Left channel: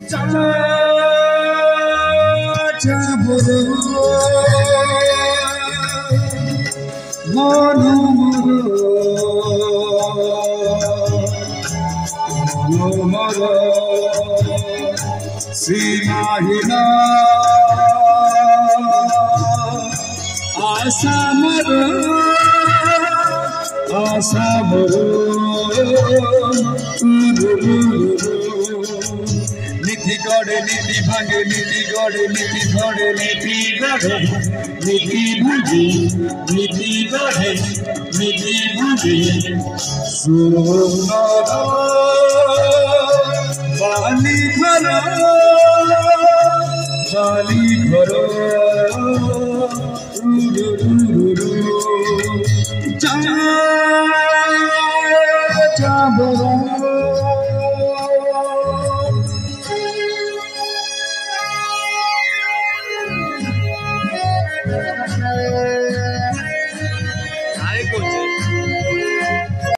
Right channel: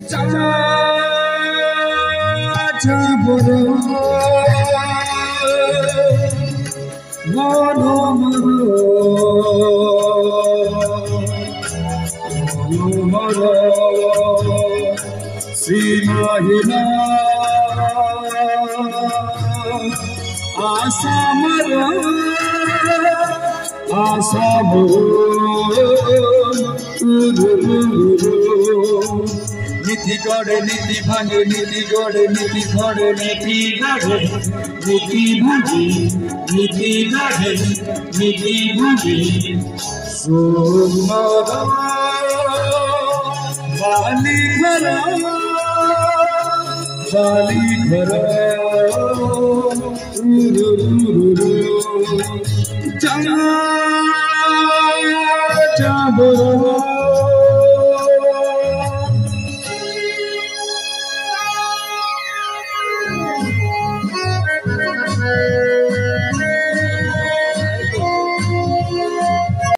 চাচা মন মর সীমাহীনা আশা মর আশা নীতি গড়ে নীতি ভাঙে নীতি গড়ে নীতি ধরে নীতি গড়ে নীতি ভাঙে নীতি গড়ে নীতি ভাঙে সুন্দর বালি ঘর চা